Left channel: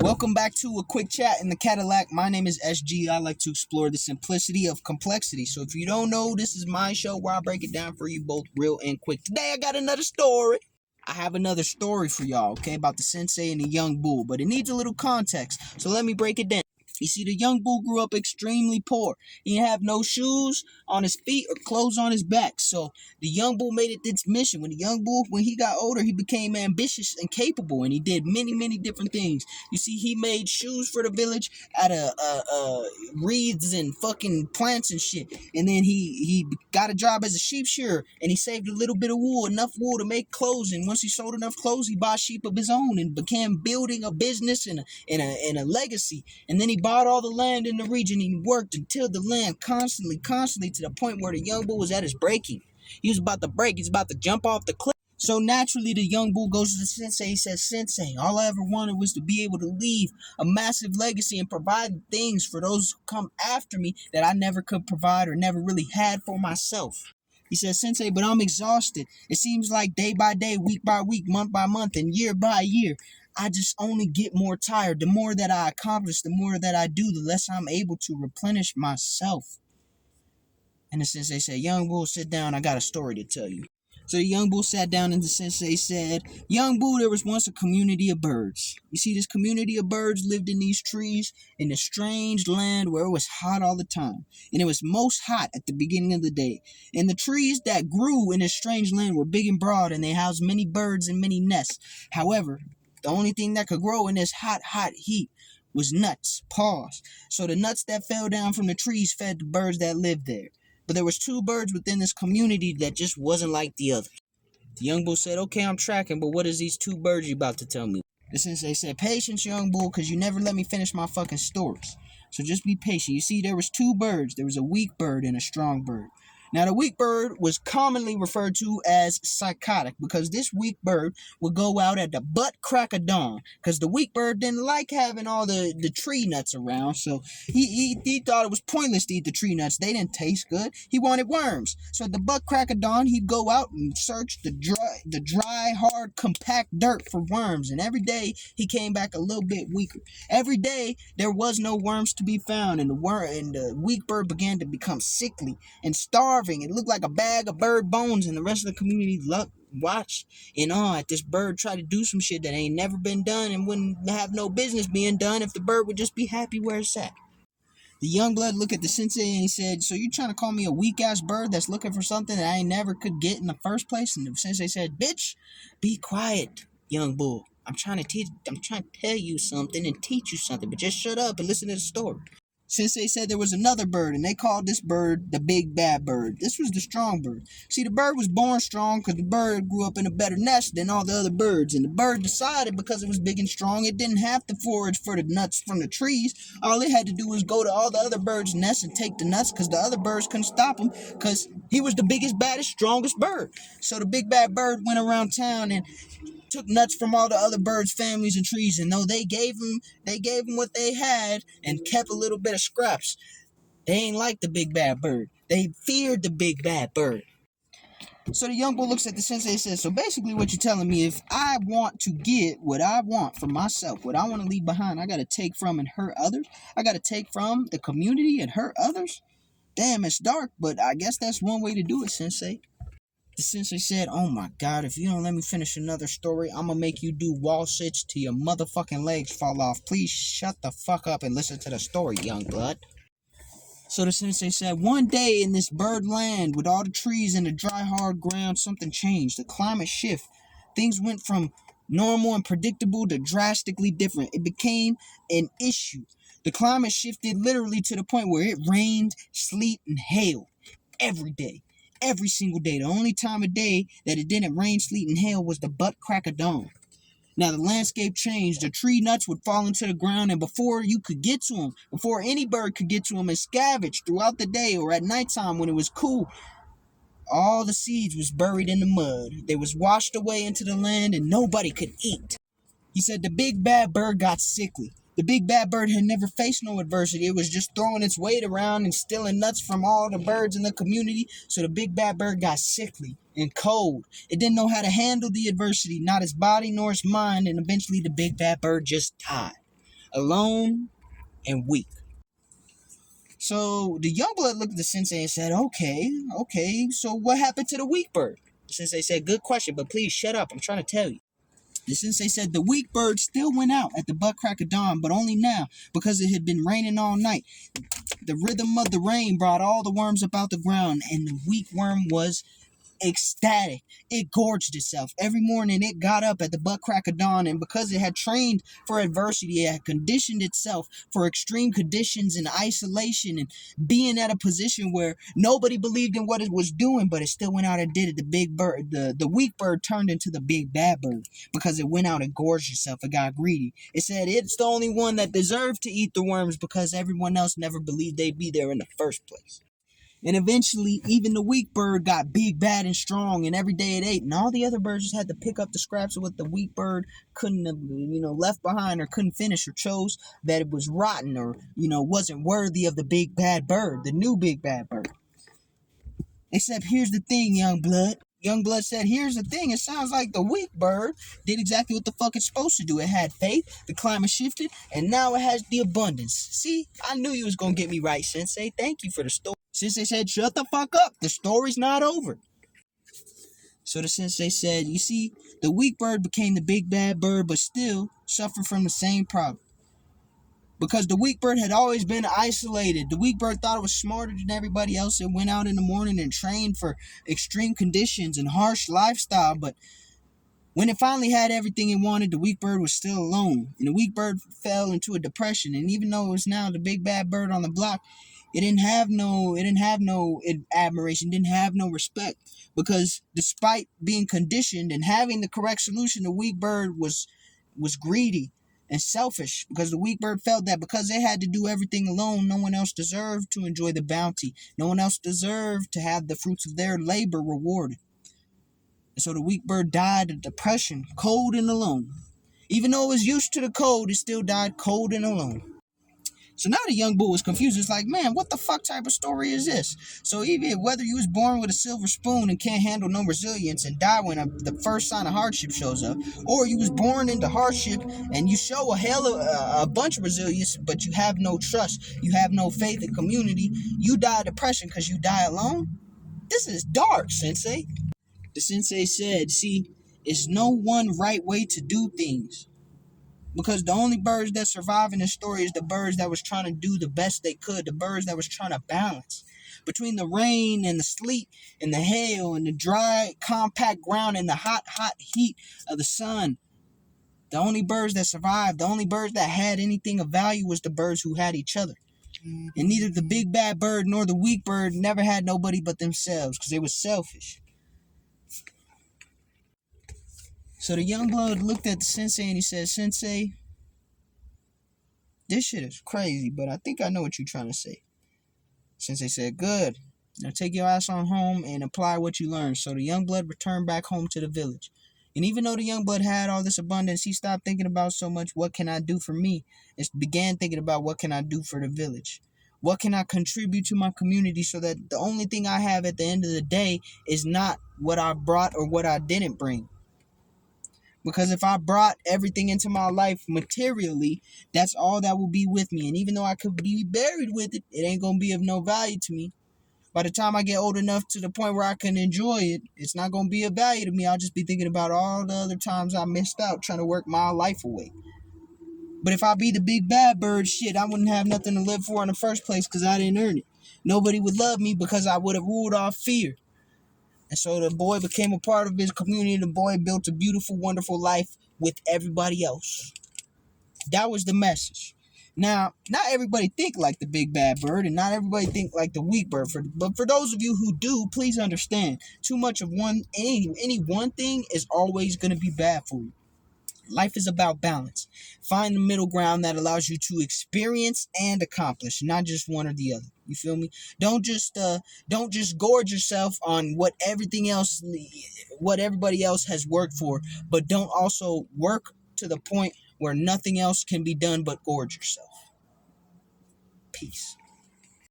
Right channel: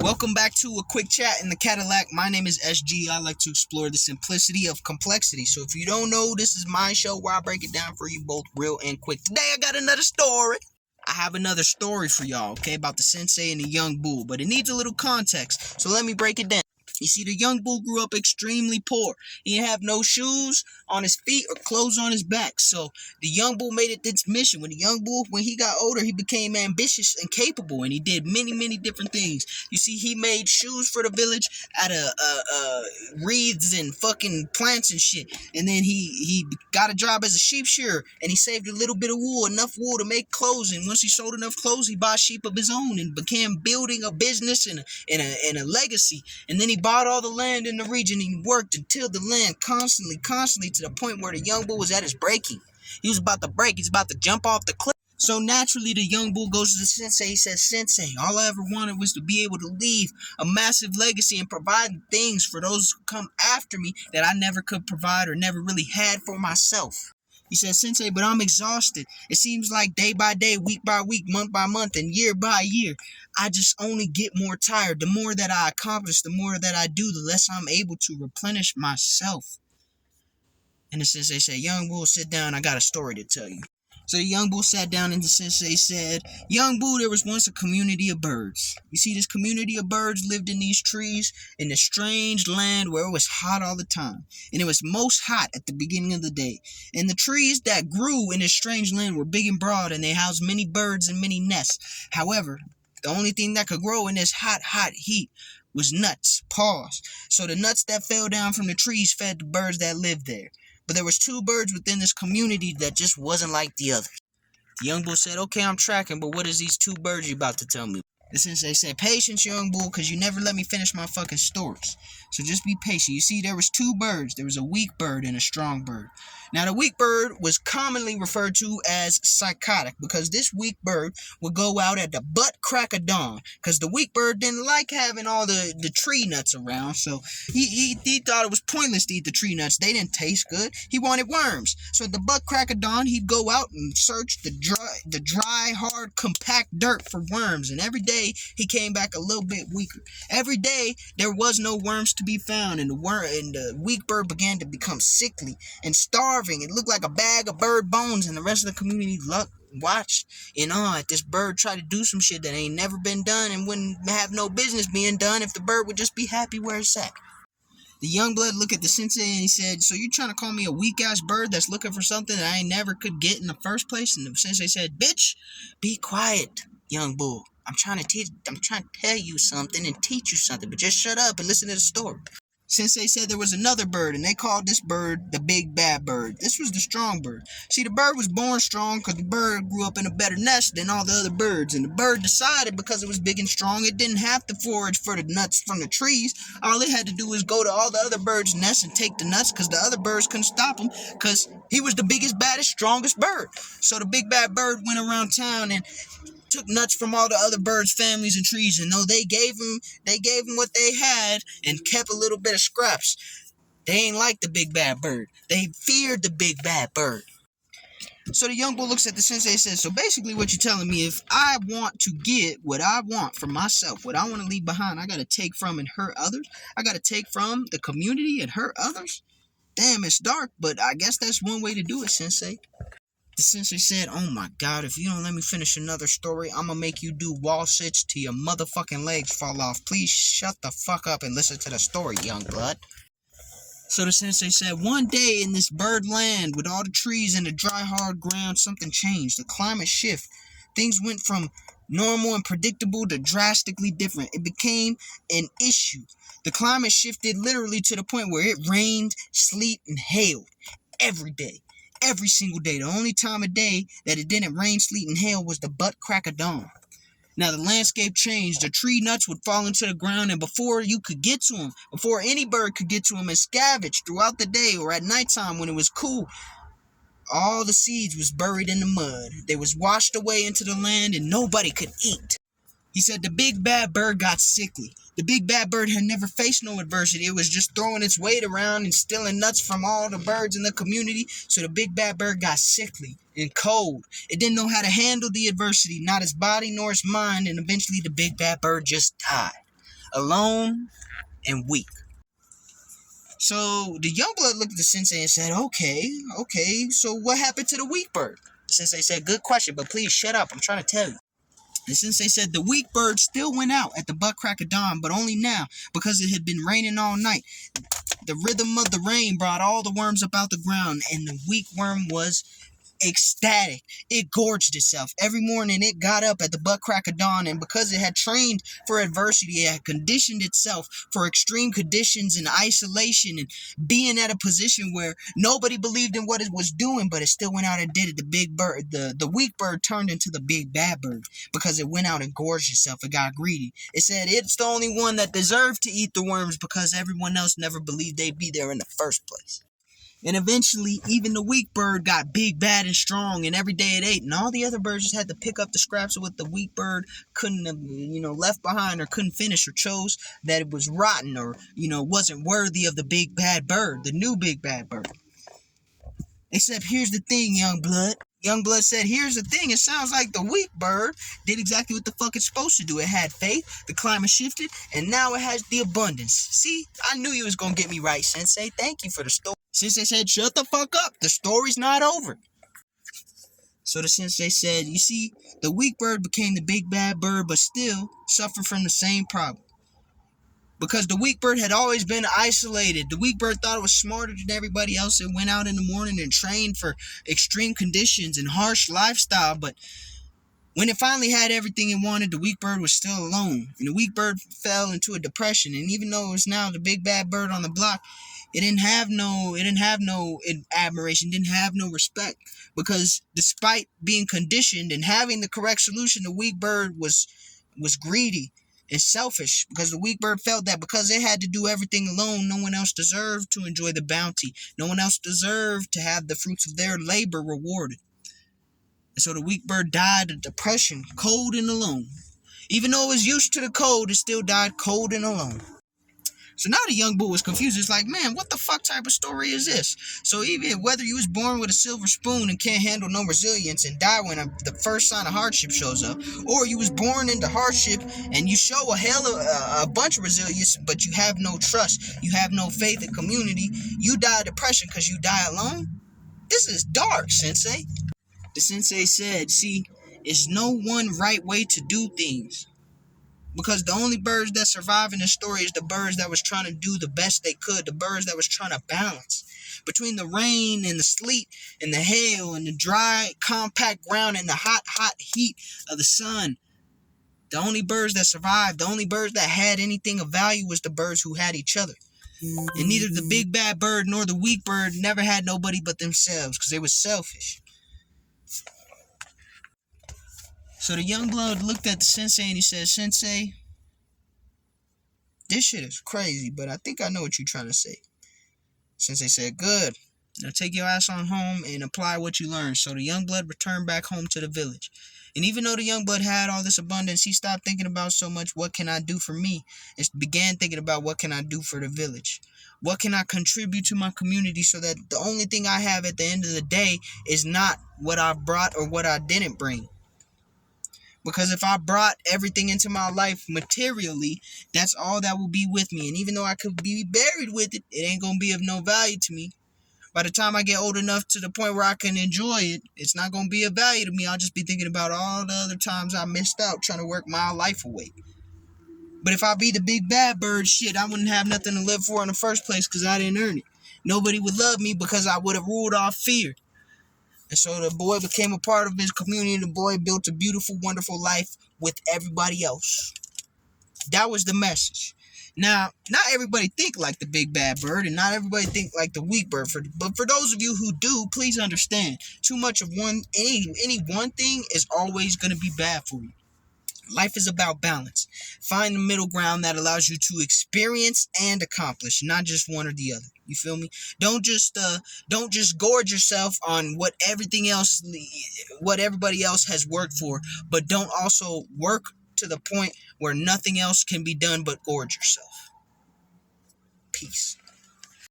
Welcome back to a quick chat in the Cadillac. My name is SG. I like to explore the simplicity of complexity. So if you don't know, this is my show where I break it down for you both real and quick. Today I got another story. I have another story for y'all, okay, about the sensei and the young bull, but it needs a little context. So let me break it down. You see, the young bull grew up extremely poor. He didn't have no shoes on his feet or clothes on his back. So the young bull made it its mission. When he got older, he became ambitious and capable, and he did many different things. You see, he made shoes for the village out of reeds and fucking plants and shit. And then he got a job as a sheep shearer, and he saved a little bit of wool, enough wool to make clothes. And once he sold enough clothes, he bought sheep of his own and began building a business and a legacy. And then he bought all the land in the region, and he worked and tilled the land constantly to the point where the young bull was at his breaking. He was about to break. He's about to jump off the cliff. So naturally, the young bull goes to the sensei. He says, "Sensei, all I ever wanted was to be able to leave a massive legacy and provide things for those who come after me that I never could provide or never really had for myself." He says, "Sensei, but I'm exhausted. It seems like day by day, week by week, month by month, and year by year, I just only get more tired. The more that I accomplish, the more that I do, the less I'm able to replenish myself." And the sensei said, "Young bull, sit down. I got a story to tell you." So the young bull sat down, and the sensei said, "Young bull, there was once a community of birds. You see, this community of birds lived in these trees in a strange land where it was hot all the time. And it was most hot at the beginning of the day. And the trees that grew in this strange land were big and broad, and they housed many birds and many nests. However, the only thing that could grow in this hot heat was nuts. Pause. So the nuts that fell down from the trees fed the birds that lived there. But there was two birds within this community that just wasn't like the others." The young bull said, "Okay, I'm tracking, but what is these two birds you about to tell me?" The sensei said, "Patience, young bull, because you never let me finish my fucking stories. So just be patient. You see, there was two birds. There was a weak bird and a strong bird. Now, the weak bird was commonly referred to as psychotic because this weak bird would go out at the butt crack of dawn because the weak bird didn't like having all the tree nuts around. So he thought it was pointless to eat the tree nuts. They didn't taste good. He wanted worms. So at the butt crack of dawn, he'd go out and search the dry, hard, compact dirt for worms. And every day he came back a little bit weaker. Every day there was no worms to be found, and the weak bird began to become sickly and starving. It looked like a bag of bird bones, and the rest of the community watched in awe at this bird try to do some shit that ain't never been done and wouldn't have no business being done if the bird would just be happy where it's at. The young blood looked at the sensei and he said, "So you're trying to call me a weak-ass bird that's looking for something that I ain't never could get in the first place?" And the sensei said, "Bitch, be quiet, young bull. I'm trying to tell you something and teach you something, but just shut up and listen to the story." Sensei said there was another bird, and they called this bird the big bad bird. This was the strong bird. See, the bird was born strong because the bird grew up in a better nest than all the other birds, and the bird decided because it was big and strong, it didn't have to forage for the nuts from the trees. All it had to do was go to all the other birds' nests and take the nuts because the other birds couldn't stop him because he was the biggest, baddest, strongest bird. So the big bad bird went around town and took nuts from all the other birds' families and trees, and though they gave him what they had and kept a little bit of scraps, they ain't like the big bad bird. They feared the big bad bird. So the young bull looks at the sensei and says, "So basically what you're telling me, if I want to get what I want for myself, what I want to leave behind, I got to take from and hurt others? I got to take from the community and hurt others? Damn, it's dark, but I guess that's one way to do it, sensei." The sensei said, "Oh my god, if you don't let me finish another story, I'm gonna make you do wall sits till your motherfucking legs fall off. Please shut the fuck up and listen to the story, young blood." So the sensei said, "One day in this bird land with all the trees and the dry hard ground, something changed. The climate shift. Things went from normal and predictable to drastically different. It became an issue. The climate shifted literally to the point where it rained, sleet, and hailed every day. Every single day. The only time of day that it didn't rain, sleet, and hail was the butt crack of dawn. Now the landscape changed. The tree nuts would fall into the ground, and before you could get to them, before any bird could get to them and scavenge throughout the day or at nighttime when it was cool, all the seeds was buried in the mud. They was washed away into the land, and nobody could eat." He said the big bad bird got sickly. The big bad bird had never faced no adversity. It was just throwing its weight around and stealing nuts from all the birds in the community. So the big bad bird got sickly and cold. It didn't know how to handle the adversity, not its body nor its mind, and eventually the big bad bird just died. alone, and weak. So the young blood looked at the sensei and said, okay, so what happened to the weak bird? The sensei said, good question, but please shut up, I'm trying to tell you. The sensei said the weak bird still went out at the butt crack of dawn, but only now, because it had been raining all night. The rhythm of the rain brought all the worms up out the ground, and the weak worm was ecstatic. It gorged itself. Every morning it got up at the butt crack of dawn, and because it had trained for adversity, it had conditioned itself for extreme conditions and isolation and being at a position where nobody believed in what it was doing, but it still went out and did it. The big bird, the weak bird turned into the big bad bird because it went out and gorged itself. It got greedy. It said it's the only one that deserved to eat the worms because everyone else never believed they'd be there in the first place. And eventually, even the weak bird got big, bad, and strong, and every day it ate. And all the other birds just had to pick up the scraps of what the weak bird couldn't have, left behind or couldn't finish or chose that it was rotten or, wasn't worthy of the big, bad bird, the new big, bad bird. Except here's the thing, young blood. Young blood said, here's the thing. It sounds like the weak bird did exactly what the fuck it's supposed to do. It had faith, the climate shifted, and now it has the abundance. See, I knew you was going to get me right, Sensei. Thank you for the story. Sensei said, shut the fuck up. The story's not over. So the sensei said, you see, the weak bird became the big bad bird, but still suffered from the same problem. Because the weak bird had always been isolated. The weak bird thought it was smarter than everybody else and went out in the morning and trained for extreme conditions and harsh lifestyle. But when it finally had everything it wanted, the weak bird was still alone. And the weak bird fell into a depression. And even though it was now the big bad bird on the block, it didn't have no admiration, didn't have no respect. Because despite being conditioned and having the correct solution, the weak bird was greedy and selfish, because the weak bird felt that because they had to do everything alone, no one else deserved to enjoy the bounty. No one else deserved to have the fruits of their labor rewarded. And so the weak bird died of depression, cold and alone. Even though it was used to the cold, it still died cold and alone. So now the young bull was confused. It's like, man, what the fuck type of story is this? So even whether you was born with a silver spoon and can't handle no resilience and die when the first sign of hardship shows up, or you was born into hardship and you show a bunch of resilience, but you have no trust, you have no faith in community, you die of depression because you die alone? This is dark, Sensei. The sensei said, see, it's no one right way to do things. Because the only birds that survive in the story is the birds that was trying to do the best they could. The birds that was trying to balance between the rain and the sleet and the hail and the dry, compact ground and the hot, hot heat of the sun. The only birds that survived, the only birds that had anything of value was the birds who had each other. And neither the big bad bird nor the weak bird never had nobody but themselves because they were selfish. So the young blood looked at the sensei and he said, Sensei, this shit is crazy, but I think I know what you're trying to say. Sensei said, good. Now take your ass on home and apply what you learned. So the young blood returned back home to the village. And even though the young blood had all this abundance, he stopped thinking about so much, what can I do for me? And began thinking about what can I do for the village? What can I contribute to my community so that the only thing I have at the end of the day is not what I brought or what I didn't bring? Because if I brought everything into my life materially, that's all that will be with me. And even though I could be buried with it, it ain't going to be of no value to me. By the time I get old enough to the point where I can enjoy it, it's not going to be of value to me. I'll just be thinking about all the other times I missed out trying to work my life away. But if I be the big bad bird, shit, I wouldn't have nothing to live for in the first place because I didn't earn it. Nobody would love me because I would have ruled off fear. And so the boy became a part of his community. The boy built a beautiful, wonderful life with everybody else. That was the message. Now, not everybody think like the big bad bird, and not everybody think like the weak bird. But for those of you who do, please understand, too much of any one thing is always going to be bad for you. Life is about balance. Find the middle ground that allows you to experience and accomplish, not just one or the other. You feel me? Don't just gorge yourself on what everybody else has worked for, but don't also work to the point where nothing else can be done but gorge yourself. Peace.